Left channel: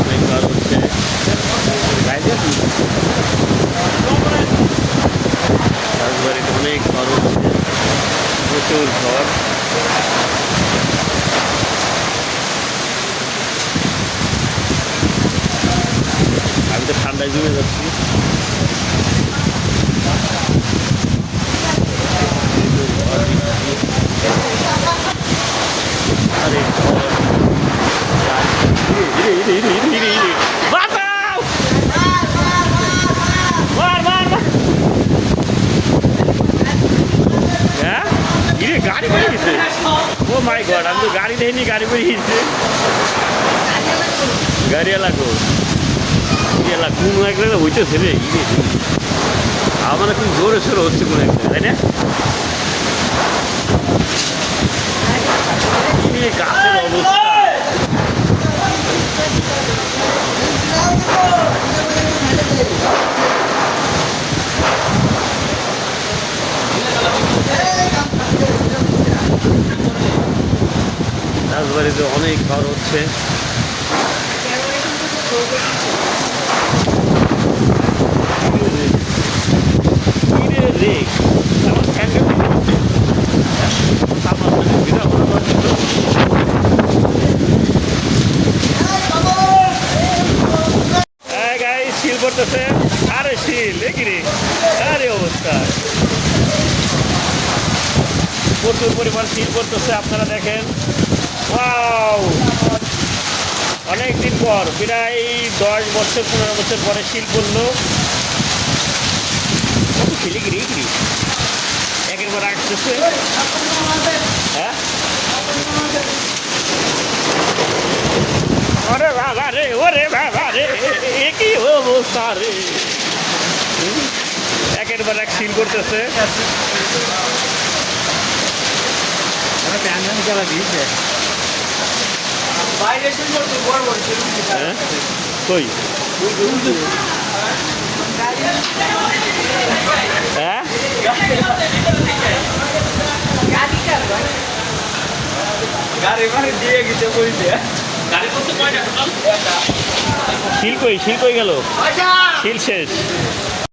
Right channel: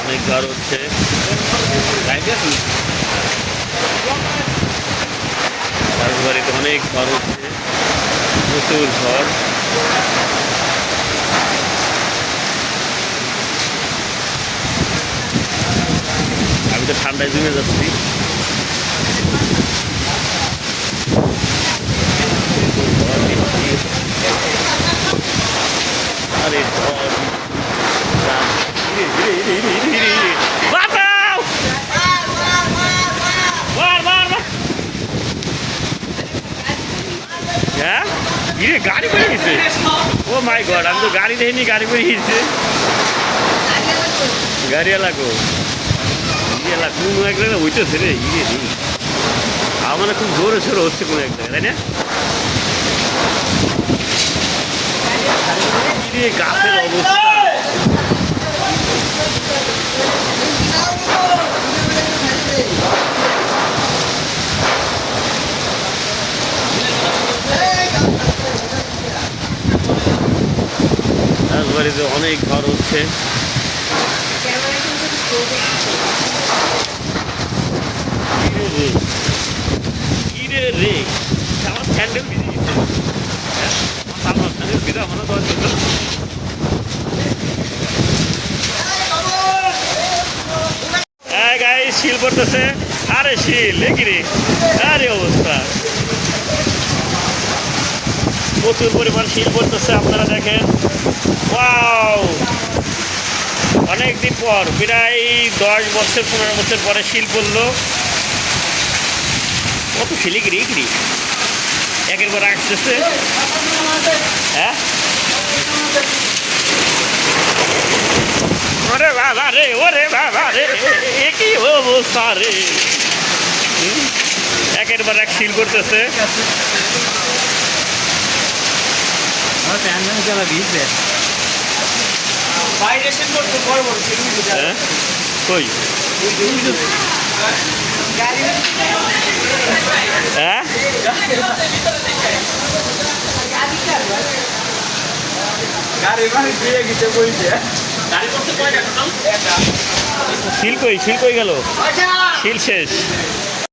অনেক ঘর হচ্ছে। রাজবাড়িতে অনেক ঘর হচ্ছে। প্রচুর ঘর। আমি তো ঠান্ডায় জমে যাচ্ছি। ঘর দিচ্ছি আরে ঘর। বাঁচাও! মার, মার, মার। হ্যাঁ ইরে গাড়ি করে গেছে ও মাই গড আমি তো গাড়ি দেখিনি গাড়ি করে গেছে গাড়ি এলাকো এলা কোন এক জায়গায় হইতেছে রে ইরে আমার খুব জোরে সোরে হচ্ছে কোন এক জায়গায় তাই না গাছের অবস্থা রাজবাড়িতে অনেক ঘর হচ্ছে। আমার স্যান্ডেল দিতে হ্যাঁ আমার সামনে স্যান্ডেল দিতে আমার দশ দিত হ্যাঁ গাই শিল পড়তেছে। আরে শিল, এ কিরে আরে অবস্থা। প্রচুর পরিমাণ শিল পড়তেছে, আপনারা দেখেন। ওয়াও! অনেক দিন পর, প্রায় দশ বছর, পনেরো বছর পরে শিল পড়ল। কত শিলি গিরি গিরি একের পর আসতেছে। হ্যাঁ? ওরে বাবা রে, ওরে বাবা রে, কি অবস্থা রে? একের পর এক শিল করতেছে। হ্যাঁ? হ্যাঁ? গাড়ি মানে দিয়ে গেছে বলছে শিল কই শিল কই গেল। শিল শেষ।